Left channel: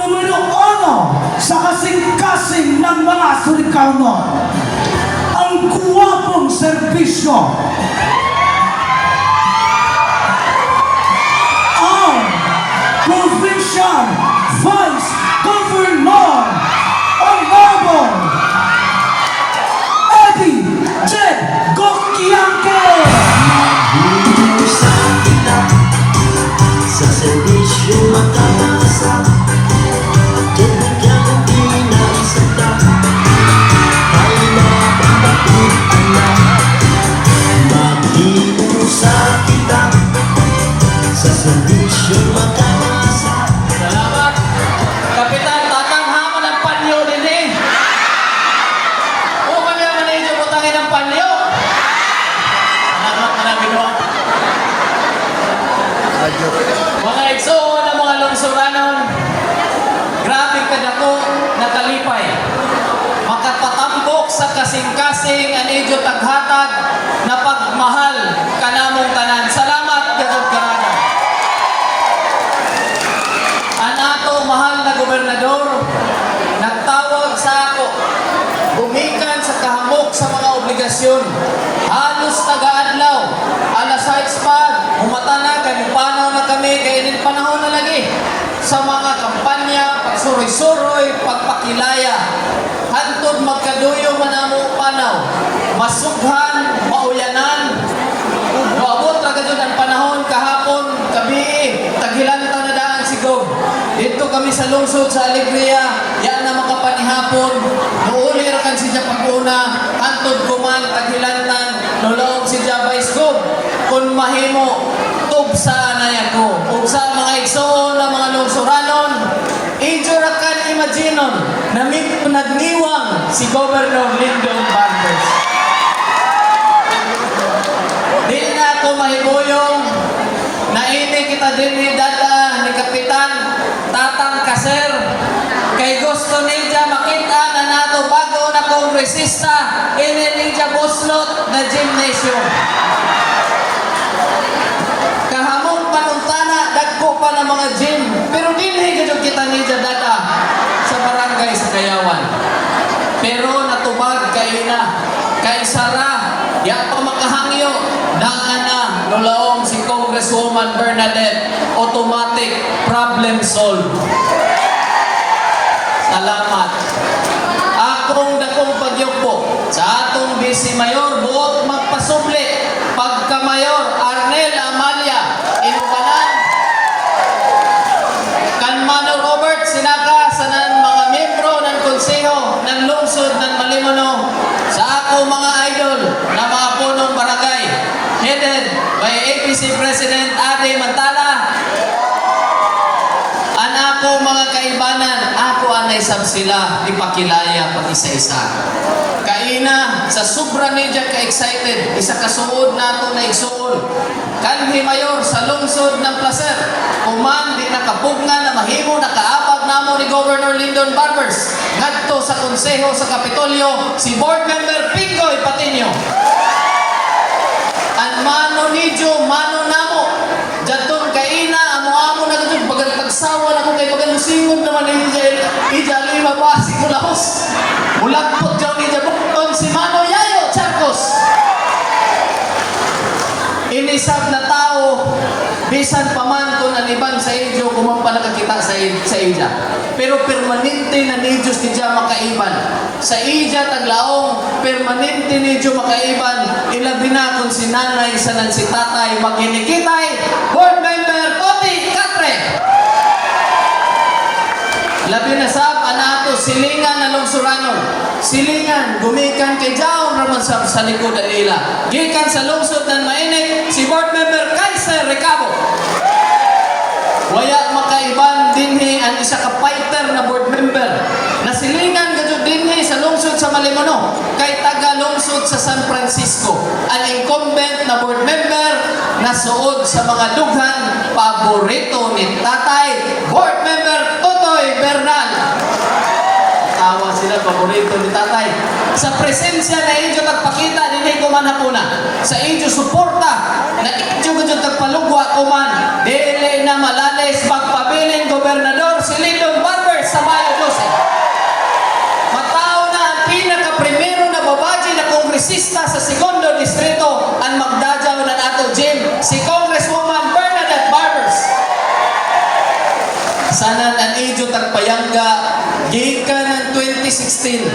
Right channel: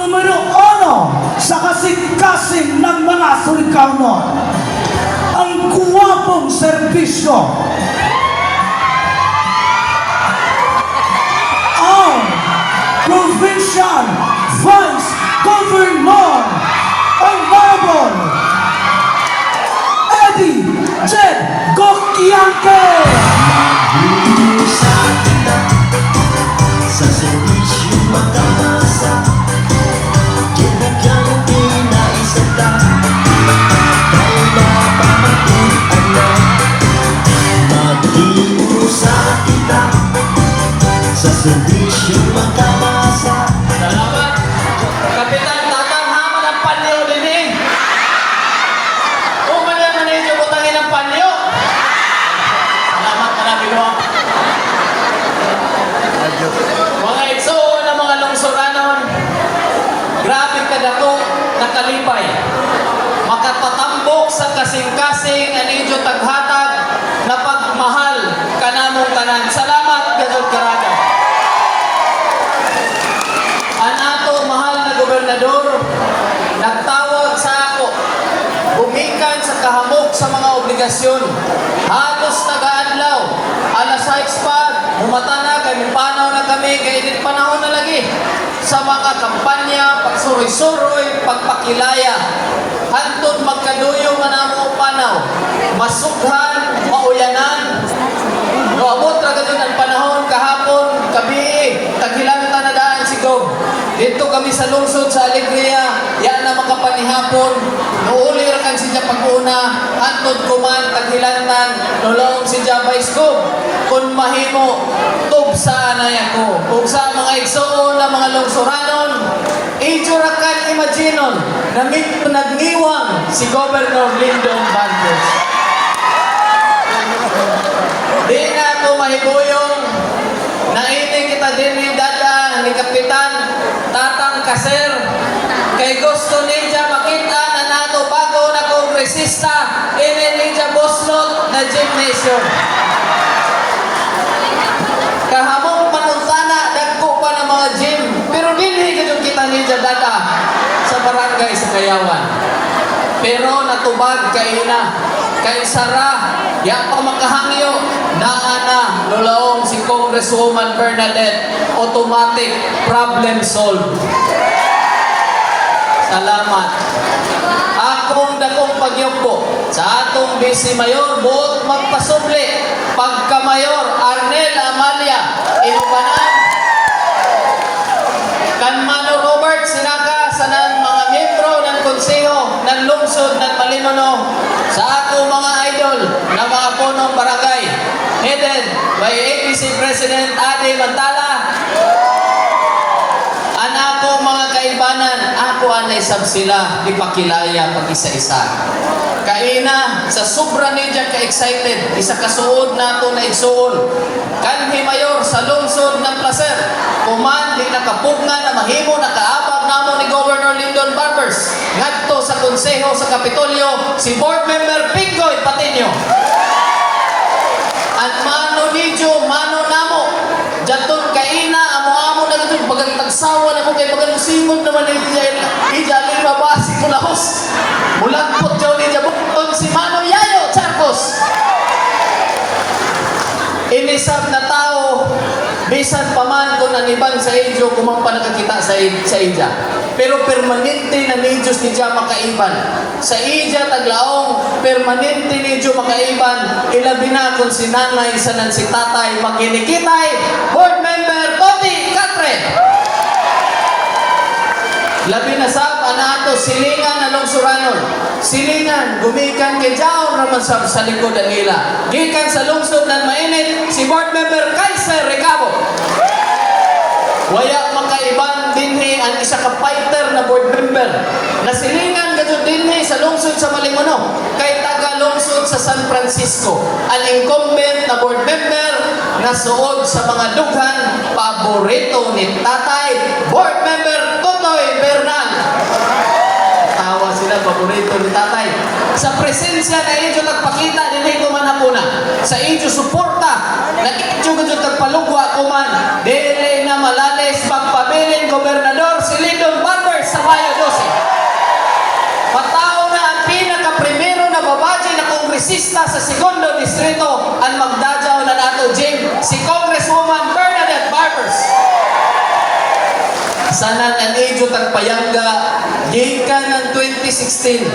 Numero 1 sa kasing-kasing ng mga Surigao, ang guwapong serbisyo. Ang Provincial Vice Governor Honorable Eddie Jed Gokyangke. Sa servisyo makasa, kailangan pinaisa ka, tayo na pagkakuan na, mag-iusa kita, sa servisyo makasa. Salamat. Kapitan, tatanghaman ang panyo din eh. O kaya manay butangin ang panyo. Salamat marami ko. Mga igsoon ng mga lungsuranon, grabe ka dako nakalipay. Makapatambok sa kasing-kasing anidyo taghatag na pagmahal kanamong tanan. Salamat, Gadot Karada. Ang ato mahal na gobernador, nagtawag sa ako, bumikan sa kahamok sa mga obligasyon. Halos taga-adlaw, alas 6 pa, humata na, kay mupanaw na kami, kay init panahon na lagi. Sa mga kampanya, pagsuroy-suroy, pagpakilaya, hantod magkaduyo manamo panaw, masughan, mauyanan, maabot na ganyan ang panahon, kahapon, gabi, taghilan na daan siguro. Dito kami sa lungsod sa Alegria, yan na makapanihapon, nuuli rakan siya pag-una, hantod kuman, taghilanan, nulaong si Jabais ko, kung mahimo, tubsa na ako. O sa mga igsoon na mga lungsuranon, ijurakan imaginon, na mito nagniwang si Governor Lyndon Bantos. Di na ako mahibuyong, naini kita din ni Dada, ni Kapitan, Tatang Kaser, kay gusto niya makita na nato bago na kongresista, niya boslot na gymnasium. Kahamong panuntana, dagko pa ng mga gym, pero dinhi gid kita niya Dada sa barangay sa Kayawan. Pero natubag kay Sara, yan pa makahangyo, naana, lulaong si Congresswoman Bernadette, automatic problem solved. Salamat. Akong dakong pagyupo sa atong Vice Mayor, buot magpasubli, pagka-mayor, Arnel Amalia, Inuganan, kan Mano Robert, sinaka sa ng mga miyembro ng konseho ng lungsod ng Malimuno, sa ako mga idol na mga punong barangay, headed by APC President Ade Mantala, anako mga kaibanan, ako anay sab sila ipakilaya pag isa-isa. Kaina, sa sobra niya ka-excited, isa kasuod na ito na igsuon. Kanhi Mayor sa lungsod ng Placer, kuman di nakapugna na mahimo nakaabag namo ni Governor Lyndon Barbers. Ngadto sa konseho sa Kapitolyo, si Board Member Pingoy Patinio. At mano nidyo, mano namo, jaton kaina, amo-amo na dito, pagkatagsawa na mo kay pagkalusingon naman ija lima basi mo lahos. Mulagpot yun niya bukton si Mano Yayo Charcos. Inisab na tao, bisan pa man kung aniban sa inyo, kung pa nakakita sa ija. Pero permanente na ni Diyos ni Diya makaiban. Sa ija taglaong, permanente ni Diyos makaiban. Ilabi na kung si nanay, sa si tatay, makinikitay, board member, Poti Katre. Labi na sab, anato, silingan na lungsuranon. Silingan, gumikan kay Jaon Roman sab sa likod alila. Gikan sa lungsod ng mainit, si board member Kaiser Recabo. Waya makaiban dinhi ang isa ka fighter na board member. Nasilingan gadyo dinhi sa lungsod sa Malimuno, kay taga lungsod sa San Francisco. Ang incumbent na board member na suod sa mga dughan, paborito ni tatay, board member Totoy Bernal. Tawa sila, paborito ni tatay. Sa presensya na inyo nagpakita, dinhi ko man hapuna. Sa inyo suporta, na inyo ko nagpalugwa ko man, dili na malalis pagpabiling gobernador si Lyndon Barber. segundo distrito ang magdadyaw ng ato gym, si Congresswoman Bernadette Barbers. Sanan ang edyo tagpayangga, gikan ng 2016,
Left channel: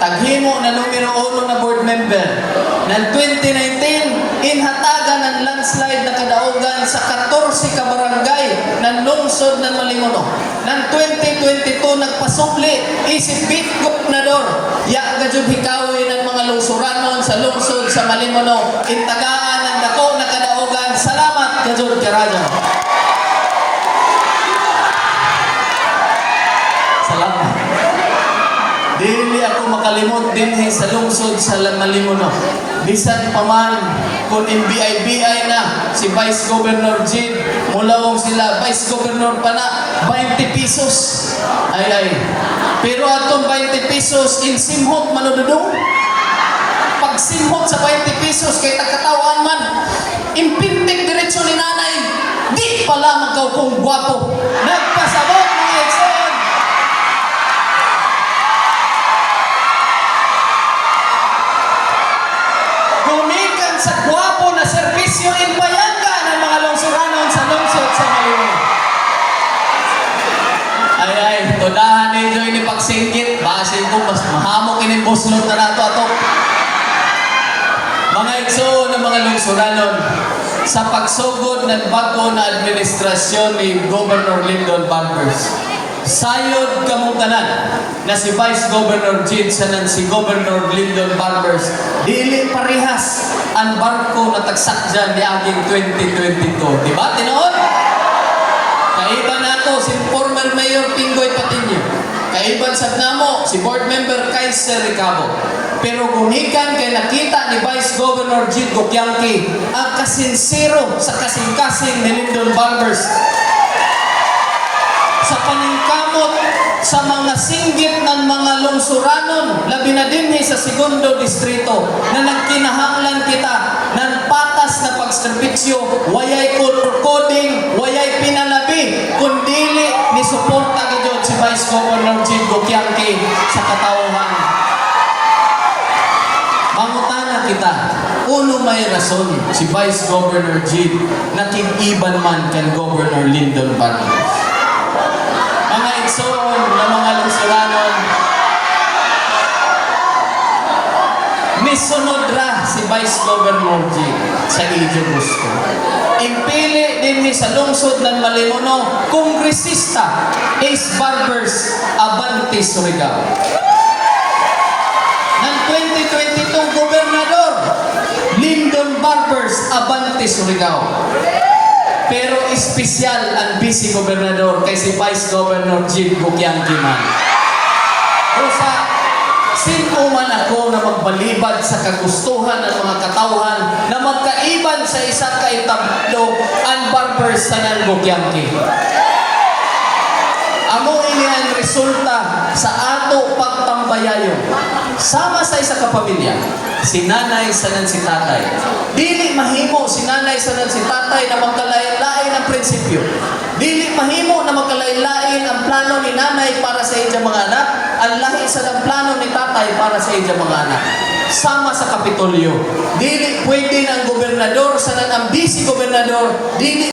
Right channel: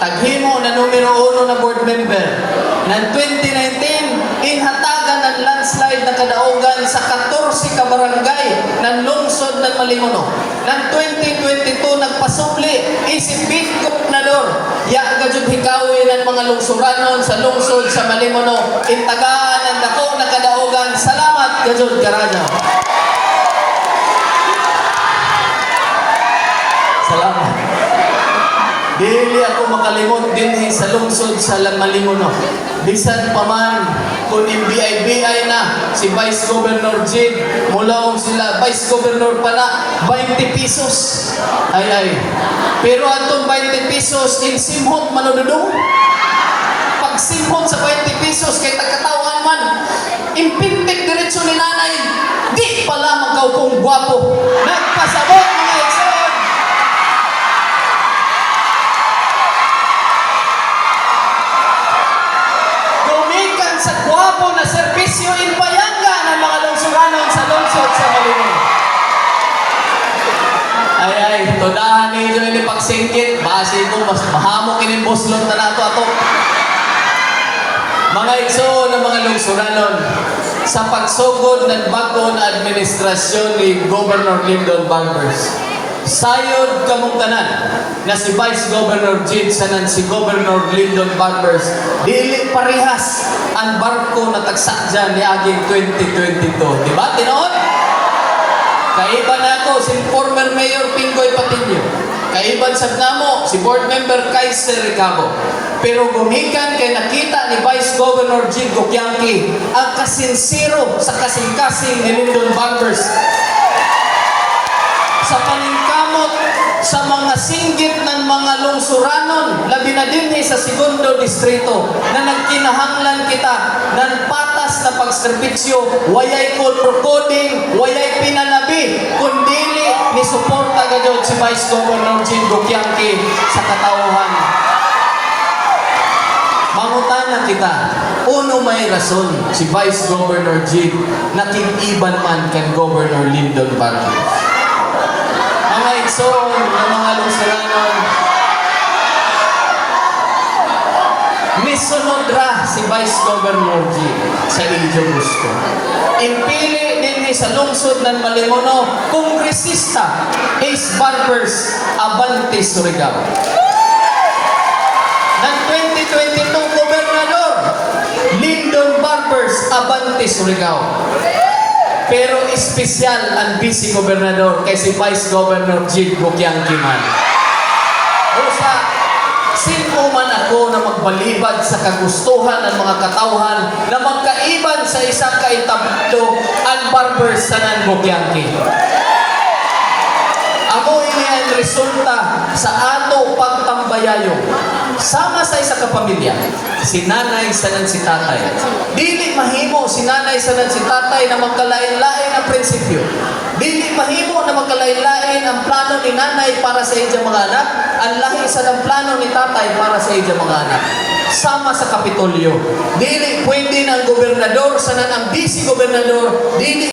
taghimo na numero 1 na board member. Ng 2019, inhatagan ng landslide na kadaugan sa 14 ka barangay ng lungsod ng Malimono. Ng 2022, nagpasukli, isip beat gobernador, ya gajud hikawi ng mga lungsuranon sa lungsod sa Malimono, intagaan ng dako na kadaugan. Salamat gajud karaja. Salamat. Dili ako makalimot din sa lungsod sa Malimono. Bisan pa man kung MBI-BI na si Vice Governor Jid, mulawong sila, Vice Governor pa na, 20 pesos. Ay. Pero atong 20 pesos in simhot manududong. Pag simhot sa 20 pesos kay tagkatawan man, impintik diretso ni nanay, di pala magkaupong gwapo. Nagpasabot mga ekson. Kumikan sa gwapo na serbisyo in payangga ng mga lungsuranon sa lungsod sa Malimono. Ay, todahan ninyo ini pagsingkit, base ko mas mahamok ini buslot na nato ato. Mga igsoon ng mga lungsuranon, sa pagsugod ng bago na administrasyon ni Governor Lyndon Barbers, sayod kamong tanan na si Vice Governor Jid sanan si Governor Lyndon Barbers, dili parehas ang barko na tagsakyan ni aging 2022. Diba? Tinoon? Kaiba na to si former Mayor Pingoy Patinio. Kaiban sa namo si Board Member Kaiser Ricabo. Pero gumikan kay nakita ni Vice Governor Jid Gokyangki ang kasinsiro sa kasing-kasing ni Lyndon Barbers sa paningkamot sa mga singgit ng mga lungsuranon, labi na din sa segundo distrito na nagkinahanglan kita ng patas na pagservisyo, wayay coding, wayay pinalabi, kundili ni suporta gadot si Vice Governor Jid Gokyangki sa katauhan. Mangutana kita, uno may rason si Vice Governor Jid na kiniban man kan Governor Lyndon Barbers. Mga igsoon ng mga lungsuranon, misunod ra si Vice Governor G sa Ijo Gusto. Impili din ni sa lungsod ng Malimono, kongresista Ace Barbers Abante Surigao. Ng 2022 gobernador Lyndon Barbers Abante Surigao. Pero espesyal ang vice gobernador kay si Vice Governor Jid Gokyangki man. Usa, sino man ako na magbalibad sa kagustuhan ng mga katauhan na magkaiban sa isang kaitablo ang Barbers sa ng Gokyangki. Amo ini ang resulta sa ato pagtambayayo. Sama sa isa ka pamilya, si nanay sanan si tatay. Dili mahimo si nanay sanan si tatay na magkalain-lain ang prinsipyo. Dili mahimo na magkalain-lain ang plano ni nanay para sa iyang mga anak, ang lahi sa ng plano ni tatay para sa iyang mga anak. Sama sa Kapitolyo, dili pwede ng gobernador sanan ang vice gobernador, dili